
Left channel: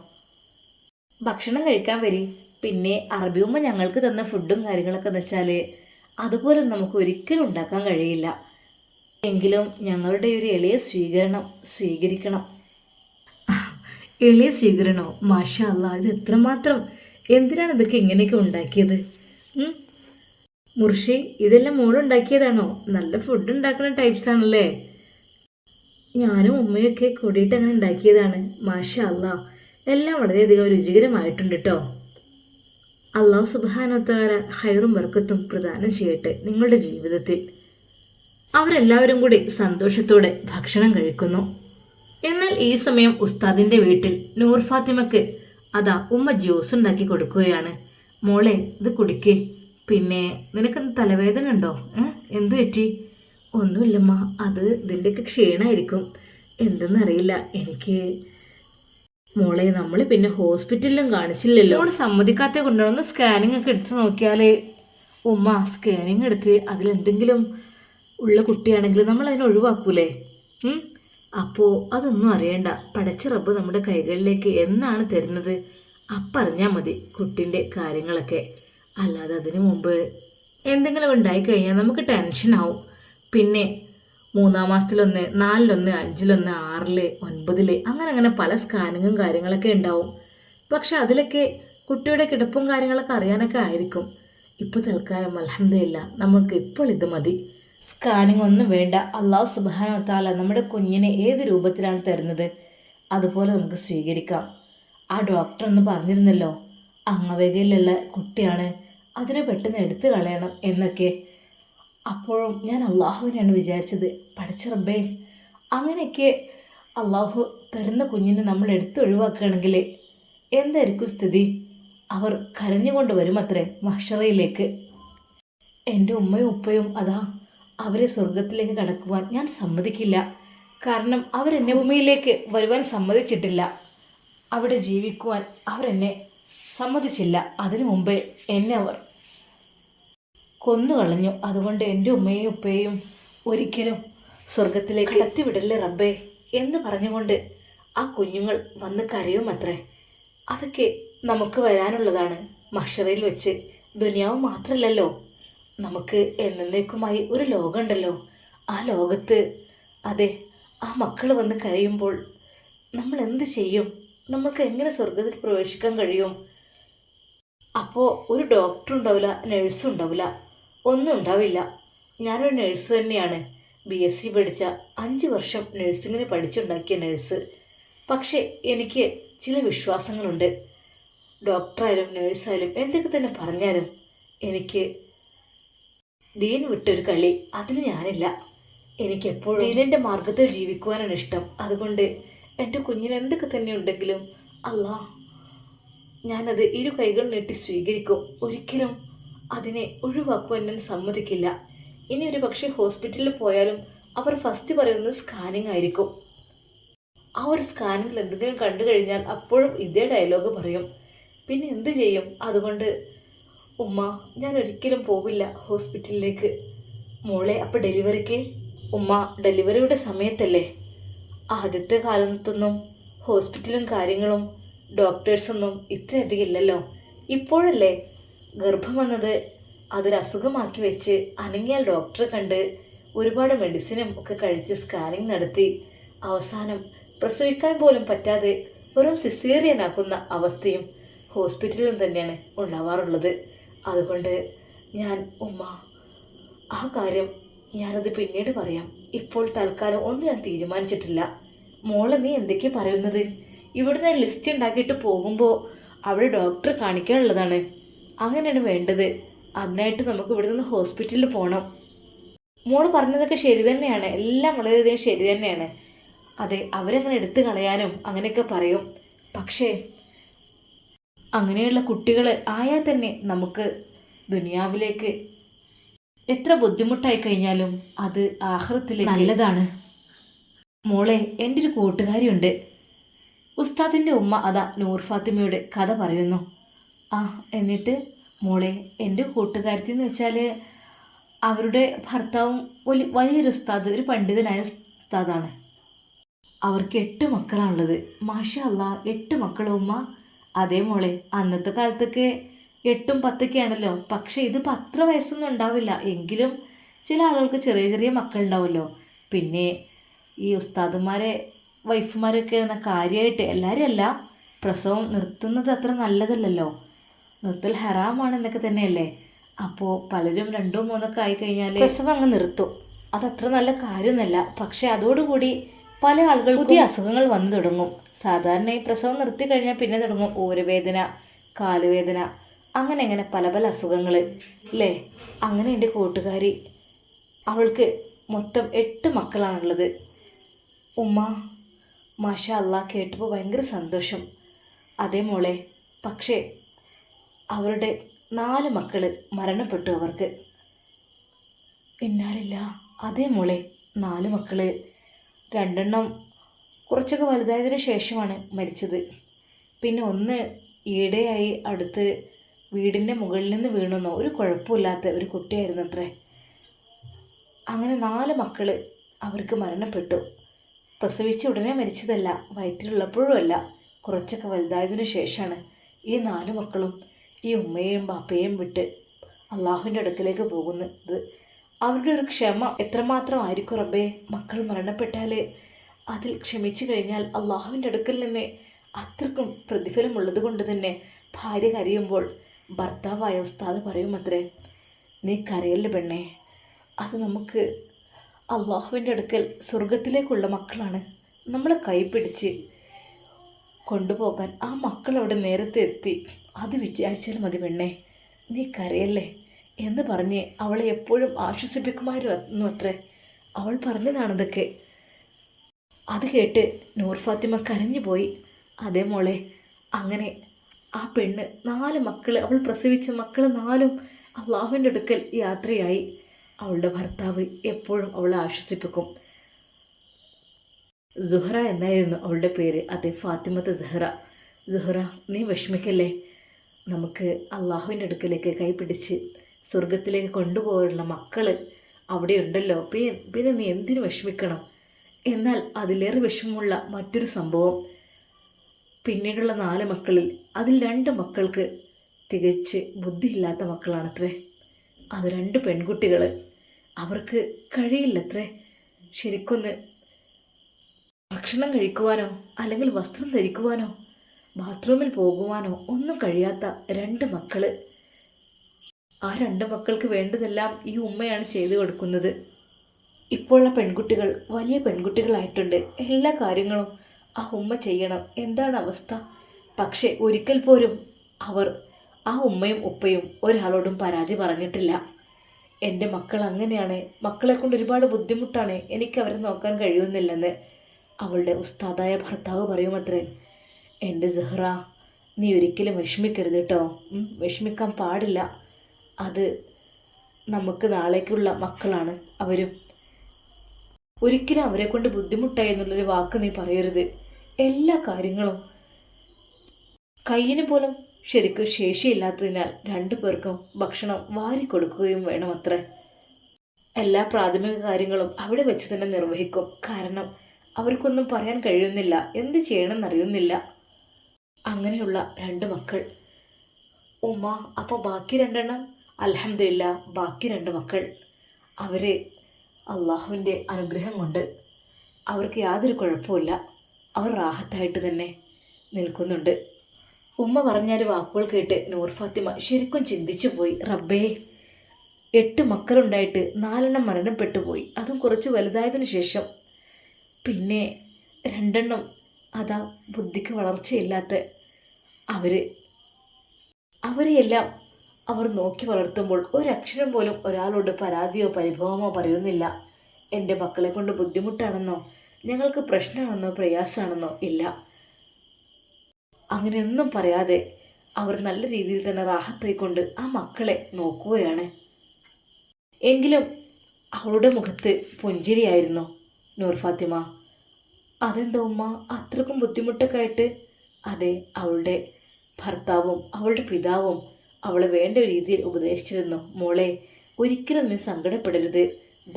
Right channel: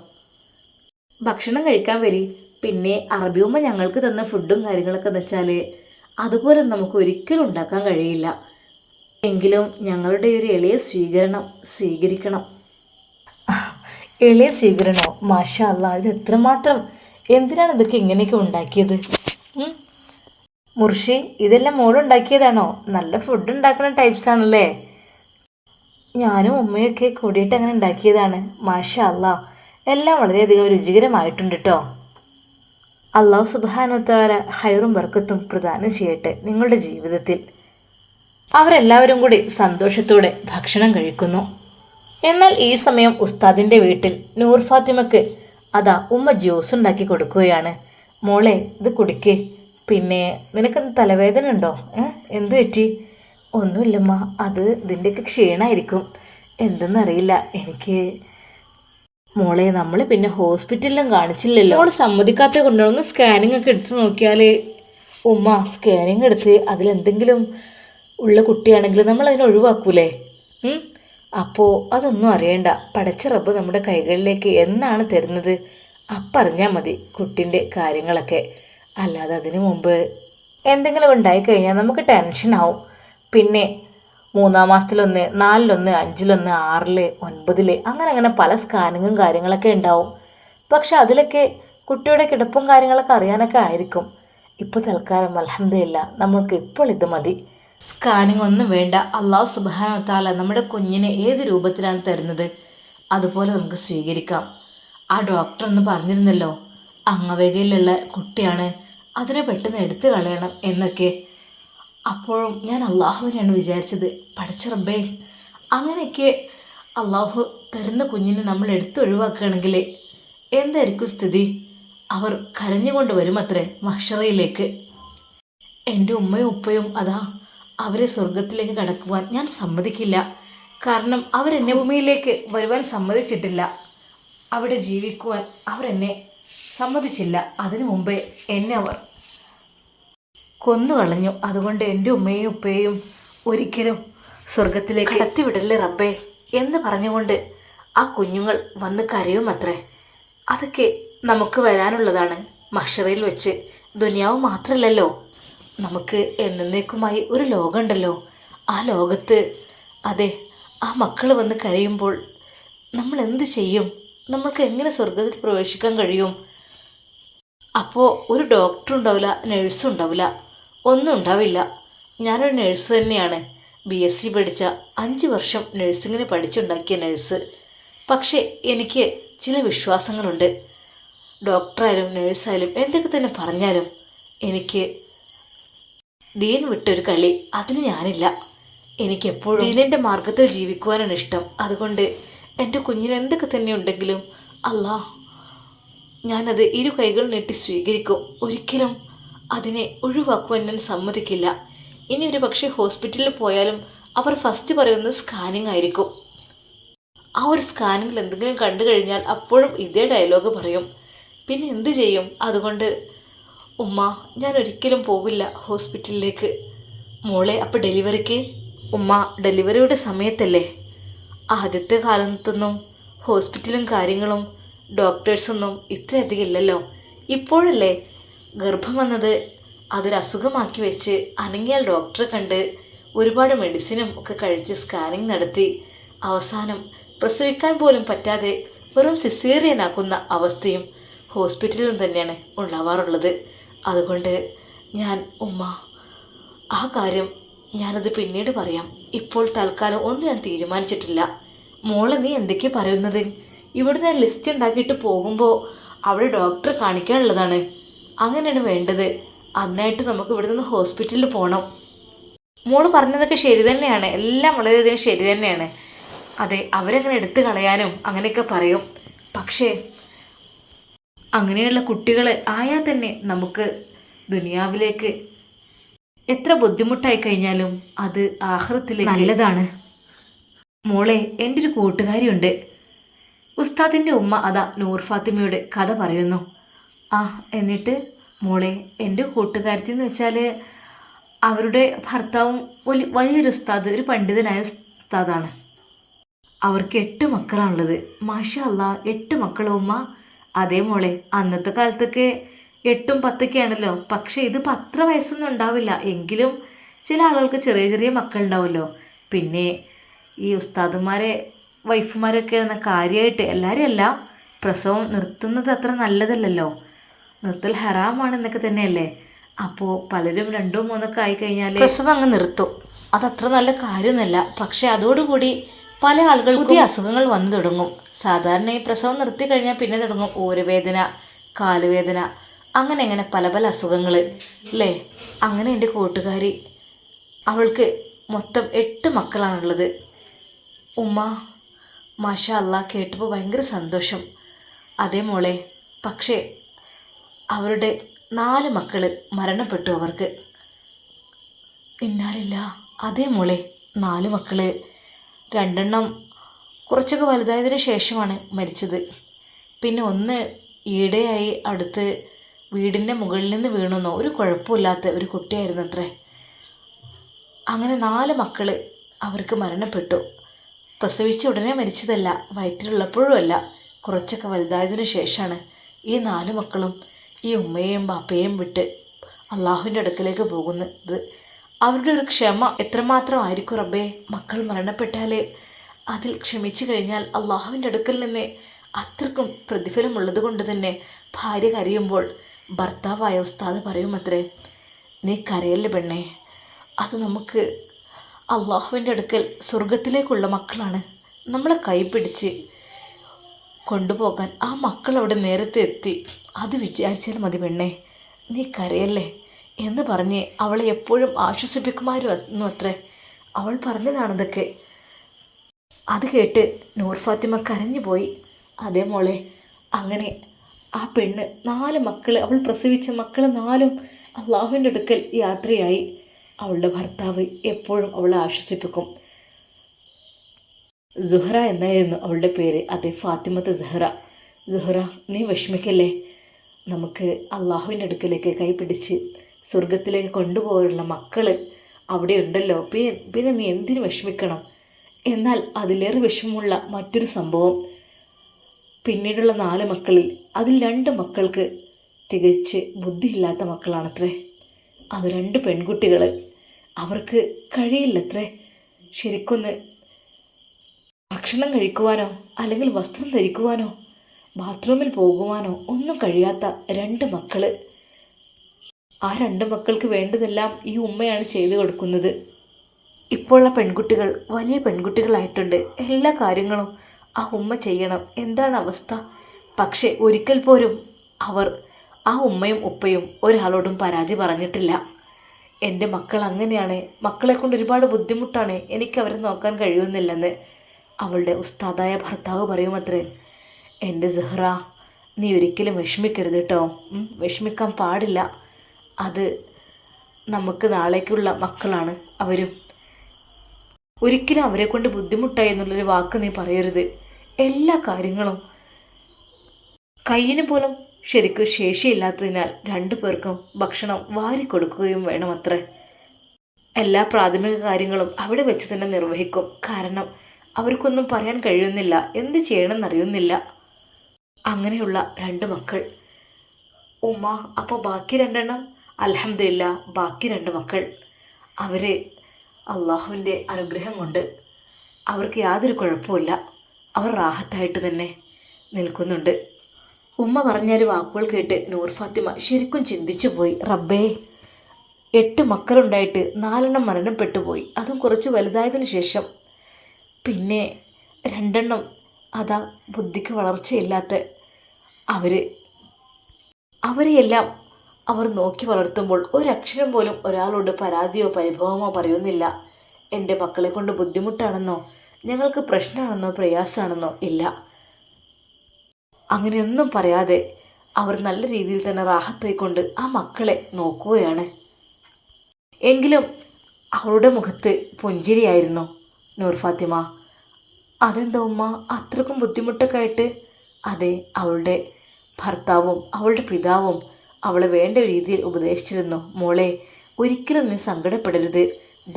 ഭക്ഷണം കഴിക്കാൻ വരി. പിന്നെ അറബി ഉമ്മ ഞങ്ങൾക്ക് തന്ന ഫുഡും കാര്യങ്ങളൊക്കെ എന്ന് വെച്ചാൽ അതുപോലെ നമുക്ക് ഒരിക്കലും ഉണ്ടാക്കാൻ കഴിയില്ല. എങ്കിലും ഞങ്ങളുടെ ഒരു എളിയ സ്വീകരണം സ്വീകരിക്കണം. എളിയ സ്വീകരണോ? മാഷാ അല്ലാ, ഇത് എത്രമാത്രം, എന്തിനാണ് ഇതൊക്കെ ഇങ്ങനെയൊക്കെ ഉണ്ടാക്കിയത്? മുർഷി, ഇതെല്ലാം മോളുണ്ടാക്കിയതാണോ? നല്ല ഫുഡ് ഉണ്ടാക്കുന്ന ടൈപ്സ് ആണല്ലേ. ഞാനും ഉമ്മയൊക്കെ കൂടിയിട്ട് അങ്ങനെ ഉണ്ടാക്കിയതാണ്. മാഷാ അല്ലാ, എല്ലാം വളരെയധികം രുചികരമായിട്ടുണ്ട് കേട്ടോ. അള്ളാഹു സുബ്ഹാനഹു വ തആല ഖൈറും ബർക്കത്തും പ്രദാനം ചെയ്യട്ടെ നിങ്ങളുടെ ജീവിതത്തിൽ. അവരെല്ലാവരും കൂടി സന്തോഷത്തോടെ ഭക്ഷണം കഴിക്കുന്നു. എന്നാൽ ഈ സമയം ഉസ്താദിൻ്റെ വീട്ടിൽ നൂർ ഫാത്തിമക്ക് അതാ ഉമ്മ ജ്യൂസ് ഉണ്ടാക്കി കൊടുക്കുകയാണ്. മോളെ, ഇത് കുടിക്കേ. പിന്നെ നിനക്കെന്ത് തലവേദന ഉണ്ടോ? എന്തു പറ്റി? ഒന്നുമില്ലമ്മ, അത് ഇതിൻ്റെയൊക്കെ ക്ഷീണമായിരിക്കും, എന്തെന്നറിയില്ല എനിക്ക്. മോളെ, നമ്മൾ പിന്നെ ഹോസ്പിറ്റലിലും കാണിച്ചില്ലല്ലോ. മോൾ സമ്മതിക്കാത്ത കൊണ്ടുവന്ന് സ്കാനിങ് ഒക്കെ എടുത്ത് നോക്കിയാൽ ഉമ്മ സ്കാനിങ് എടുത്ത് അതിലെന്തെങ്കിലും ഉള്ള കുട്ടിയാണെങ്കിൽ നമ്മളതിനെ ഒഴിവാക്കൂലേ? അപ്പോൾ അതൊന്നും അറിയണ്ട, പടച്ച റബ്ബ് നമ്മുടെ കൈകളിലേക്ക് എന്നാണ് തരുന്നത് അപ്പറിഞ്ഞാൽ മതി കുട്ടീൻ്റെ കാര്യങ്ങളൊക്കെ. അല്ലാതെ അതിനു മുമ്പ് എന്തെങ്കിലും ഉണ്ടായിക്കഴിഞ്ഞാൽ നമുക്ക് ടെൻഷനാവും. പിന്നെ 3-ാം മാസത്തിലൊന്ന്, 4-ലൊന്ന്, 5-ലൊന്ന്, 6-ല്, 9-ല് അങ്ങനെ പല സ്കാനിങ്ങും കാര്യങ്ങളൊക്കെ ഉണ്ടാവും. പക്ഷെ അതിലൊക്കെ കുട്ടിയുടെ കിടപ്പും കാര്യങ്ങളൊക്കെ അറിയാനൊക്കെ ആയിരിക്കും. ഇപ്പോൾ തൽക്കാലം അൽഹംദുലില്ലാ നമ്മൾക്ക് ഇപ്പോൾ ഇത് മതി. സ്കാനിങ് ഒന്നും വേണ്ട. അല്ലാഹു സുബ്ഹാനഹു വ തആല നമ്മുടെ കുഞ്ഞിനെ ഏത് രൂപത്തിലാണ് തരുന്നത് അതുപോലെ നമുക്ക് സ്വീകരിക്കാം. ആ ഡോക്ടർ ഒന്ന് പറഞ്ഞിരുന്നല്ലോ, അംഗവൈകല്യമുള്ള കുട്ടിയാണ്, അതിനെ പെട്ടെന്ന് എടുത്തു കളയണം എന്നൊക്കെ. അപ്പോഴും ഞാൻ അള്ളാഹുവിനെയാണ് വിചാരിച്ചത്, പടച്ച റബ്ബേ, അങ്ങനെയൊക്കെ അള്ളാഹു തരുന്ന കുഞ്ഞിനെ നമ്മൾ എടുത്തൊഴിവാക്കുകയാണെങ്കിൽ എന്തായിരിക്കും സ്ഥിതി? അവർ കരഞ്ഞുകൊണ്ട് വരുമത്രേ മഹ്ശറയിലേക്ക്. എൻ്റെ ഉമ്മയും ഉപ്പയും അതാ, അവരെ സ്വർഗത്തിലേക്ക് കടക്കുവാൻ ഞാൻ സമ്മതിക്കില്ല. കാരണം അവരെന്നെ ഭൂമിയിലേക്ക് വരുവാൻ സമ്മതിച്ചിട്ടില്ല, അവിടെ ജീവിക്കുവാൻ അവരെന്നെ സമ്മതിച്ചില്ല. അതിനു മുമ്പേ എന്നെ അവർ കൊന്നുകളഞ്ഞു. അതുകൊണ്ട് എൻ്റെ ഉമ്മയും ഉപ്പയും ഒരിക്കലും സ്വർഗത്തിലേക്ക് കടത്തിവിടല്ലേ റബ്ബേ എന്ന് പറഞ്ഞുകൊണ്ട് ആ കുഞ്ഞുങ്ങൾ വന്ന് കരയുമത്രേ. അതൊക്കെ നമുക്ക് വരാനുള്ളതാണ് മഹ്ശറയിൽ വെച്ച്. ദുനിയാവ് മാത്രമല്ലല്ലോ, നമുക്ക് എന്നേക്കുമായി ഒരു ലോകമുണ്ടല്ലോ. ആ ലോകത്ത് അതെ ആ മക്കൾ വന്ന് കരയുമ്പോൾ നമ്മൾ എന്ത് ചെയ്യും? നമ്മൾക്ക് എങ്ങനെ സ്വർഗത്തിൽ പ്രവേശിക്കാൻ കഴിയും? അപ്പോൾ ഒരു ഡോക്ടറും ഉണ്ടാവില്ല, നഴ്സും ഉണ്ടാവില്ല, ഒന്നും ഉണ്ടാവില്ല. ഞാനൊരു നഴ്സ് തന്നെയാണ്, BSc പഠിച്ച 5 വർഷം നഴ്സിങ്ങിന് പഠിച്ചുണ്ടാക്കിയ നഴ്സ്. പക്ഷേ എനിക്ക് ചില വിശ്വാസങ്ങളുണ്ട്. ഡോക്ടറായാലും നഴ്സായാലും എന്തൊക്കെ തന്നെ പറഞ്ഞാലും എനിക്ക് ദീൻ വിട്ടൊരു കളി അതിന് ഞാനില്ല. എനിക്കെപ്പോഴും ദീനിൻ്റെ മാർഗത്തിൽ ജീവിക്കുവാനാണ് ഇഷ്ടം. അതുകൊണ്ട് എൻ്റെ കുഞ്ഞിന് എന്തൊക്കെ തന്നെ ഉണ്ടെങ്കിലും അല്ലാ, ഞാനത് 2 കൈകൾ നീട്ടി സ്വീകരിക്കും. ഒരിക്കലും അതിനെ ഒഴിവാക്കുവാൻ ഞാൻ സമ്മതിക്കില്ല. ഇനി ഒരു പക്ഷേ ഹോസ്പിറ്റലിൽ പോയാലും അവർ ഫസ്റ്റ് പറയുന്നത് സ്കാനിങ് ആയിരിക്കും. ആ ഒരു സ്കാനിങ്ങിൽ എന്തെങ്കിലും കണ്ടു കഴിഞ്ഞാൽ അപ്പോഴും ഇതേ ഡയലോഗ് പറയും. പിന്നെ എന്ത് ചെയ്യും? അതുകൊണ്ട് ഉമ്മ, ഞാൻ ഒരിക്കലും പോവില്ല ഹോസ്പിറ്റലിലേക്ക്. മോളെ, അപ്പോൾ ഡെലിവറിക്ക്? ഉമ്മ, ഡെലിവറിയുടെ സമയത്തല്ലേ, ആദ്യത്തെ കാലത്തൊന്നും ഹോസ്പിറ്റലും കാര്യങ്ങളും ഡോക്ടേഴ്സൊന്നും ഇത്രയധികം ഇല്ലല്ലോ. ഇപ്പോഴല്ലേ ഗർഭം വന്നത്, അതൊരു അസുഖമാക്കി വെച്ച് അനങ്ങിയാൽ ഡോക്ടറെ കണ്ട് ഒരുപാട് മെഡിസിനും ഒക്കെ കഴിച്ച് സ്കാനിങ് നടത്തി അവസാനം പ്രസവിക്കാൻ പോലും പറ്റാതെ വെറും സിസേറിയനാക്കുന്ന അവസ്ഥയും ഹോസ്പിറ്റലിലും തന്നെയാണ് ഉണ്ടാവാറുള്ളത്. അതുകൊണ്ട് ഉമ്മ, ആ കാര്യം ഞാനത് പിന്നീട് പറയാം. ഇപ്പോൾ തൽക്കാലം ഒന്നും ഞാൻ തീരുമാനിച്ചിട്ടില്ല. മോളെ, നീ എന്തൊക്കെയാ പറയുന്നത്? ഇവിടുന്ന് ലിസ്റ്റ് ഉണ്ടാക്കിയിട്ട് പോകുമ്പോൾ അവിടെ ഡോക്ടറെ കാണിക്കാനുള്ളതാണ്. അങ്ങനെയാണ് വേണ്ടത്. അതിനായിട്ട് നമുക്ക് ഇവിടെ നിന്ന് ഹോസ്പിറ്റലിൽ പോകണം. മോള് പറഞ്ഞതൊക്കെ ശരി തന്നെയാണ്, എല്ലാം വളരെയധികം ശരി തന്നെയാണ്. അതെ, അവരങ്ങനെ എടുത്തു കളയാനും അങ്ങനെയൊക്കെ പറയും. പക്ഷേ അങ്ങനെയുള്ള കുട്ടികൾ ആയാൽ തന്നെ നമുക്ക് ദുനിയാവിലേക്ക് എത്ര ബുദ്ധിമുട്ടായി കഴിഞ്ഞാലും അത് ആഖിറത്തിലേക്ക് നല്ലതാണ്. മോളെ, എൻ്റെ ഒരു കൂട്ടുകാരിയുണ്ട്. ഉസ്താദിൻ്റെ ഉമ്മ അതാ നൂർ ഫാത്തിമയുടെ കഥ പറയുന്നു. എന്നിട്ട് മോളെ, എൻ്റെ കൂട്ടുകാരത്തി എന്ന് വെച്ചാൽ അവരുടെ ഭർത്താവും വലിയൊരു ഉസ്താദ്, ഒരു പണ്ഡിതനായ ഉസ്താദാണ്. അവർക്ക് 8 മക്കളാണുള്ളത്. മാഷാ അല്ലാ, 8 മക്കളോ ഉമ്മ? അതേ മോളെ, അന്നത്തെ കാലത്തൊക്കെ 8ഉം 10ഒക്കെ ആണല്ലോ. പക്ഷേ ഇതിപ്പോൾ അത്ര വയസ്സൊന്നും ഉണ്ടാവില്ല. എങ്കിലും ചില ആളുകൾക്ക് ചെറിയ ചെറിയ മക്കളുണ്ടാവുമല്ലോ. പിന്നെ ഈ ഉസ്താദുമാരെ വൈഫുമാരൊക്കെ എന്ന കാര്യമായിട്ട് എല്ലാവരും അല്ല, പ്രസവം നിർത്തുന്നത് അത്ര നല്ലതല്ലല്ലോ, നിർത്തൽ ഹറാമാണെന്നൊക്കെ തന്നെയല്ലേ. അപ്പോൾ പലരും 2, 3 ആയിക്കഴിഞ്ഞാൽ പ്രസവം അങ്ങ് നിർത്തും. അതത്ര നല്ല കാര്യമൊന്നുമല്ല. പക്ഷേ അതോടുകൂടി പല ആളുകൾക്കും പുതിയ അസുഖങ്ങൾ വന്നു തുടങ്ങും. സാധാരണ ഈ പ്രസവം നിർത്തി കഴിഞ്ഞാൽ പിന്നെ തുടങ്ങും ഊരവേദന, കാലുവേദന, അങ്ങനെ പല പല അസുഖങ്ങൾ അല്ലേ. അങ്ങനെ എൻ്റെ കൂട്ടുകാരി, അവൾക്ക് മൊത്തം 8 മക്കളാണുള്ളത്. ഉമ്മ, മാഷാ അല്ലാ, കേട്ടപ്പോൾ ഭയങ്കര സന്തോഷം. അതേ മോളെ, പക്ഷേ അവരുടെ 4 മക്കൾ മരണപ്പെട്ടു അവർക്ക്. ഇന്നാലില്ല. അതേ മോളെ, 4 മക്കൾ, 2 എണ്ണം കുറച്ചൊക്കെ വലുതായതിനു ശേഷമാണ് മരിച്ചത്. പിന്നെ ഒന്ന് ഈടെയായി അടുത്ത് വീടിൻ്റെ മുകളിൽ നിന്ന് വീണെന്നോ, ഒരു കുഴപ്പമില്ലാത്ത ഒരു കുട്ടിയായിരുന്നു അത്രേ. അങ്ങനെ 4 മക്കൾ അവർക്ക് മരണപ്പെട്ടു. പ്രസവിച്ച ഉടനെ മരിച്ചതല്ല, വയറ്റിലുള്ളപ്പോഴും അല്ല, കുറച്ചൊക്കെ വലുതായതിനു ശേഷമാണ് ഈ 4 മക്കളും ഈ ഉമ്മയെയും ബാപ്പയെയും വിട്ട് അള്ളാഹുവിൻ്റെ അടുക്കലേക്ക് പോകുന്നത്. അവരുടെ ഒരു ക്ഷമ എത്രമാത്രം ആയിരിക്കും റബ്ബേ. മക്കൾ മരണപ്പെട്ടാൽ അതിൽ ക്ഷമിച്ചു കഴിഞ്ഞാൽ അള്ളാഹുവിൻ്റെ അടുക്കൽ നിന്ന് അത്രക്കും പ്രതിഫലമുള്ളത് കൊണ്ട് തന്നെ ഭാര്യ കരയുമ്പോൾ ഭർത്താവായ ഉസ്താദ് പറയുമത്രേ, നീ കരയല്ലേ പെണ്ണേ, അത് നമുക്ക് അള്ളാഹുവിൻ്റെ അടുക്കൽ സ്വർഗത്തിലേക്കുള്ള മക്കളാണ്. നമ്മളെ കൈപിടിച്ച് കൊണ്ടുപോകാൻ ആ മക്കൾ അവിടെ നേരത്തെ എത്തി, അത് വിചാരിച്ചാൽ മതി പെണ്ണേ, നീ കരയല്ലേ എന്ന് പറഞ്ഞ് അവളെ എപ്പോഴും ആശ്വസിപ്പിക്കുമായിരുന്നു അത്രേ. അവൾ പറഞ്ഞതാണിതൊക്കെ. അത് കേട്ട് നൂർ ഫാത്തിമ കരഞ്ഞു പോയി. അതേ മോളെ, അങ്ങനെ ആ പെണ്ണ് 4 മക്കൾ, അവൾ പ്രസവിച്ച മക്കൾ 4ഉം അള്ളാഹുവിൻ്റെ അടുക്കൽ യാത്രയായി. അവളുടെ ഭർത്താവ് എപ്പോഴും അവളെ ആശ്വസിപ്പിക്കും. സുഹറ എന്നായിരുന്നു അവളുടെ പേര്. അതെ, ഫാത്തിമത്ത് സുഹറ. സുഹറ, നീ വിഷമിക്കല്ലേ, നമുക്ക് അള്ളാഹുവിൻ്റെ അടുക്കലേക്ക് കൈപിടിച്ച് സ്വർഗത്തിലേക്ക് കൊണ്ടുപോകാനുള്ള മക്കൾ അവിടെ ഉണ്ടല്ലോ. പിന്നെ നീ എന്തിനു വിഷമിക്കണം? എന്നാൽ അതിലേറെ വിഷമമുള്ള മറ്റൊരു സംഭവം, പിന്നീടുള്ള 4 മക്കളിൽ അതിൽ 2 മക്കൾക്ക് തികച്ച് ബുദ്ധിയില്ലാത്ത മക്കളാണത്രേ. അത് 2 പെൺകുട്ടികൾ. അവർക്ക് കഴിയില്ലത്രേ ശരിക്കൊന്ന് ഭക്ഷണം കഴിക്കുവാനോ അല്ലെങ്കിൽ വസ്ത്രം ധരിക്കുവാനോ ബാത്റൂമിൽ പോകുവാനോ ഒന്നും കഴിയാത്ത 2 മക്കൾ. ആ 2 മക്കൾക്ക് വേണ്ടതെല്ലാം ഈ ഉമ്മയാണ് ചെയ്തു കൊടുക്കുന്നത്. ഇപ്പോഴുള്ള പെൺകുട്ടികൾ വലിയ പെൺകുട്ടികളായിട്ടുണ്ട്. എല്ലാ കാര്യങ്ങളും ആ ഉമ്മ ചെയ്യണം. എന്താണ് അവസ്ഥ? പക്ഷേ ഒരിക്കൽ പോലും അവർ, ആ ഉമ്മയും ഉപ്പയും ഒരാളോടും പരാതി പറഞ്ഞിട്ടില്ല. എൻ്റെ മക്കൾ അങ്ങനെയാണ്, മക്കളെ കൊണ്ട് ഒരുപാട് ബുദ്ധിമുട്ടാണ്, എനിക്ക് അവരെ നോക്കാൻ കഴിയുന്നില്ലെന്ന് അവളുടെ ഉസ്താദായ ഭർത്താവ് പറയുമത്രേ. എൻ്റെ സുഹറ, നീ ഒരിക്കലും വിഷമിക്കരുത് കേട്ടോ, വിഷമിക്കാൻ പാടില്ല. അത് നമുക്ക് നാളേക്കുള്ള മക്കളാണ് അവരും. ഒരിക്കലും അവരെ കൊണ്ട് ബുദ്ധിമുട്ടായി എന്നുള്ളൊരു വാക്ക് നീ പറയരുത്. എല്ലാ കാര്യങ്ങളും കയ്യിന് പോലും ശരിക്കും ശേഷിയില്ലാത്തതിനാൽ 2 പേർക്കും ഭക്ഷണം വാരിക്കൊടുക്കുകയും വേണമത്രേ. എല്ലാ പ്രാഥമിക കാര്യങ്ങളും അവിടെ വെച്ച് തന്നെ നിർവഹിക്കും. കാരണം അവർക്കൊന്നും പറയാൻ കഴിയുന്നില്ല, എന്ത് ചെയ്യണമെന്നറിയുന്നില്ല. അങ്ങനെയുള്ള 2 മക്കൾ. ഉമ്മ, അപ്പോൾ ബാക്കി 2 എണ്ണം? അൽഹംദുലില്ലാ, ബാക്കി 2 മക്കൾ അവർ അള്ളാഹുവിൻ്റെ അനുഗ്രഹം കൊണ്ട് അവർക്ക് യാതൊരു കുഴപ്പമില്ല. അവർ റാഹത്തായിട്ട് തന്നെ നിൽക്കുന്നുണ്ട്. ഉമ്മ പറഞ്ഞൊരു വാക്കുകൾ കേട്ട് നൂർ ഫാത്തിമ ശരിക്കും ചിന്തിച്ചു പോയി. റബ്ബേ, 8 മക്കളുണ്ടായിട്ട് 4 മരണപ്പെട്ടു പോയി, അതും കുറച്ച് വലുതായതിനു ശേഷം. പിന്നെ 2 അതാ ബുദ്ധിക്ക് വളർച്ചയില്ലാത്ത അവരെയെല്ലാം അവർ നോക്കി വളർത്തുമ്പോൾ ഒരക്ഷരം പോലും ഒരാളോട് പരാതിയോ പരിഭവമോ പറയുന്നില്ല. എൻ്റെ മക്കളെ കൊണ്ട് ബുദ്ധിമുട്ടാണെന്നോ ഞങ്ങൾക്ക് പ്രശ്നമാണെന്നോ പ്രയാസമാണെന്നോ ഇല്ല. അങ്ങനെയൊന്നും പറയാതെ അവർ നല്ല രീതിയിൽ തന്നെ റാഹത്തായിക്കൊണ്ട് ആ മക്കളെ നോക്കുകയാണ്. എങ്കിലും അവളുടെ മുഖത്ത് പുഞ്ചിരിയായിരുന്നു. നൂർ ഫാത്തിമ, അതെന്താ ഉമ്മ അത്രക്കും ബുദ്ധിമുട്ടൊക്കെ ആയിട്ട്? അതെ, അവളുടെ ഭർത്താവും അവളുടെ പിതാവും അവളെ വേണ്ട രീതിയിൽ ഉപദേശിച്ചിരുന്നു. മോളെ, ഒരിക്കലും നീ സങ്കടപ്പെടരുത്.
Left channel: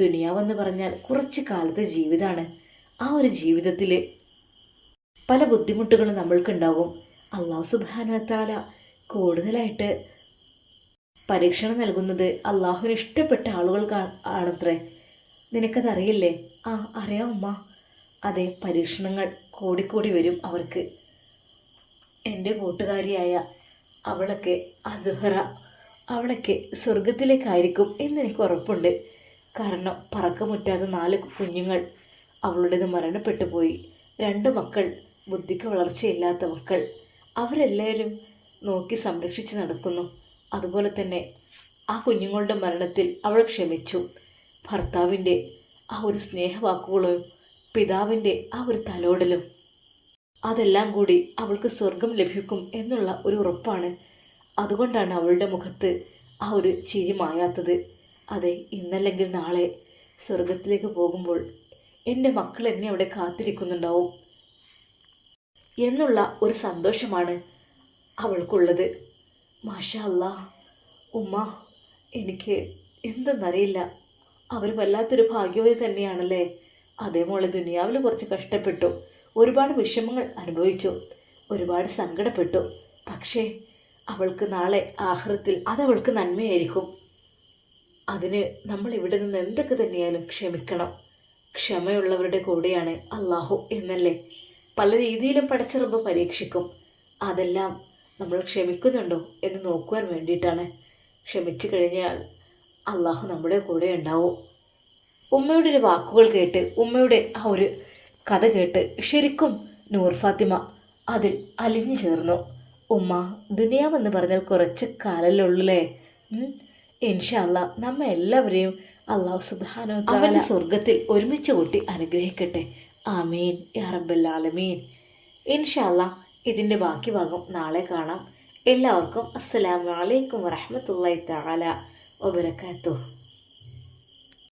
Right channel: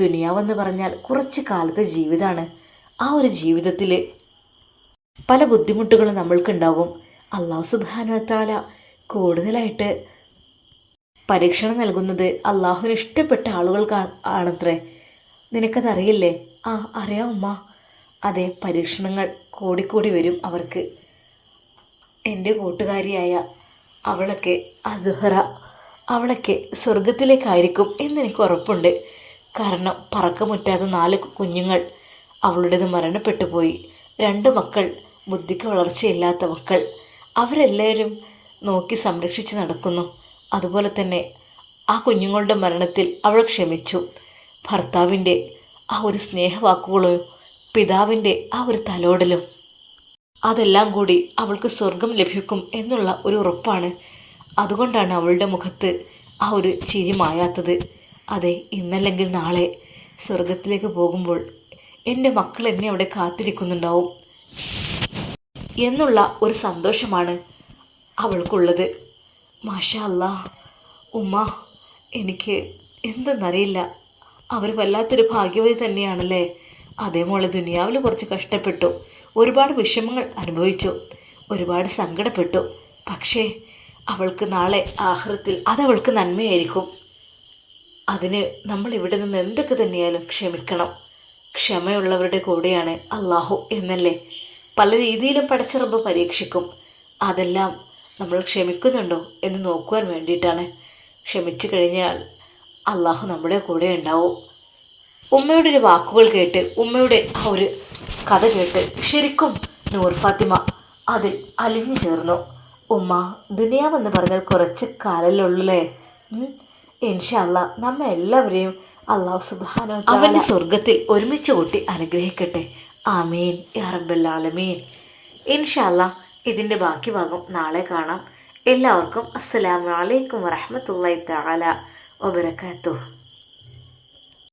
ദുനിയാവെന്ന് പറഞ്ഞാൽ കുറച്ച് കാലത്തെ ജീവിതമാണ്. ആ ഒരു ജീവിതത്തിൽ പല ബുദ്ധിമുട്ടുകളും നമ്മൾക്കുണ്ടാകും. അള്ളാഹു സുബ്ഹാനഹു വ തആല കൂടുതലായിട്ട് പരീക്ഷണം നൽകുന്നത് അള്ളാഹുവിന് ഇഷ്ടപ്പെട്ട ആളുകൾക്ക് ആണത്രേ. നിനക്കതറിയില്ലേ? ആ, അറിയാം ഉമ്മ. അതെ, പരീക്ഷണങ്ങൾ കൂടിക്കൂടി വരും അവർക്ക്. എൻ്റെ കൂട്ടുകാരിയായ അവളൊക്കെ അസുഹറ, അവളൊക്കെ സ്വർഗത്തിലേക്കായിരിക്കും എന്നെനിക്ക് ഉറപ്പുണ്ട്. കാരണം പറക്കമുറ്റാത്ത 4 കുഞ്ഞുങ്ങൾ അവളുടേത് മരണപ്പെട്ടു പോയി. 2 മക്കൾ, ബുദ്ധിക്ക് വളർച്ചയില്ലാത്ത മക്കൾ. അവരെല്ലാവരും നോക്കി സംരക്ഷിച്ച് നടക്കുന്നു. അതുപോലെ തന്നെ ആ കുഞ്ഞുങ്ങളുടെ മരണത്തിൽ അവൾ ക്ഷമിച്ചു. ഭർത്താവിൻ്റെ ആ ഒരു സ്നേഹവാക്കുകളും പിതാവിൻ്റെ ആ ഒരു തലോടലും, അതെല്ലാം കൂടി അവൾക്ക് സ്വർഗം ലഭിക്കും എന്നുള്ള ഒരു ഉറപ്പാണ്. അതുകൊണ്ടാണ് അവളുടെ മുഖത്ത് ആ ഒരു ചിരി മായാത്തത്. അതെ, ഇന്നല്ലെങ്കിൽ നാളെ സ്വർഗത്തിലേക്ക് പോകുമ്പോൾ എൻ്റെ മക്കൾ എന്നെ അവിടെ കാത്തിരിക്കുന്നുണ്ടാവും എന്നുള്ള ഒരു സന്തോഷമാണ് അവൾക്കുള്ളത്. മാഷാ അല്ലാ ഉമ്മ, എനിക്ക് എന്തെന്നറിയില്ല, അവർ വല്ലാത്തൊരു ഭാഗ്യവതി തന്നെയാണല്ലേ. അതേ മോളെ, ദുനിയാവിൽ കുറച്ച് കഷ്ടപ്പെട്ടു, ഒരുപാട് വിഷമങ്ങൾ അനുഭവിച്ചു, ഒരുപാട് സങ്കടപ്പെട്ടു. പക്ഷേ അവൾക്ക് നാളെ ആഖിറത്തിൽ അതവൾക്ക് നന്മയായിരിക്കും. അതിന് നമ്മൾ ഇവിടെ നിന്ന് എന്തൊക്കെ തന്നെയായാലും ക്ഷമിക്കണം. ക്ഷമയുള്ളവരുടെ കൂടെയാണ് അള്ളാഹു എന്നല്ലേ. പല രീതിയിലും പടച്ച റബ്ബ് പരീക്ഷിക്കും. അതെല്ലാം നമ്മൾ ക്ഷമിക്കുന്നുണ്ടോ എന്ന് നോക്കുവാൻ വേണ്ടിയിട്ടാണ്. ക്ഷമിച്ചു കഴിഞ്ഞാൽ അള്ളാഹു നമ്മുടെ കൂടെ ഉണ്ടാവും. ഉമ്മയുടെ ഒരു വാക്കുകൾ കേട്ട്, ഉമ്മയുടെ ആ ഒരു കഥ കേട്ട് ശരിക്കും നൂർ ഫാത്തിമ അതിൽ അലിഞ്ഞു ചേർന്നു. ഉമ്മ, ദുനിയാവെന്ന് പറഞ്ഞാൽ കുറച്ച് കാലല്ലേ ഉള്ളൂല്ലേ. ഇൻഷാ അല്ലാ നമ്മെ എല്ലാവരെയും അള്ളാഹു സുബ്ഹാനഹു വ തആല അവൻ്റെ സ്വർഗത്തിൽ ഒരുമിച്ച് കൂട്ടി അനുഗ്രഹിക്കട്ടെ. ആമീൻ യാ റബ്ബൽ ആലമീൻ. ഇൻഷാ അല്ലാ ഇതിൻ്റെ ബാക്കി ഭാഗം നാളെ കാണാം. എല്ലാവർക്കും അസ്സലാമു അലൈക്കും വറഹ്മത്തുള്ളാഹി തആല വബറകാതുഹു.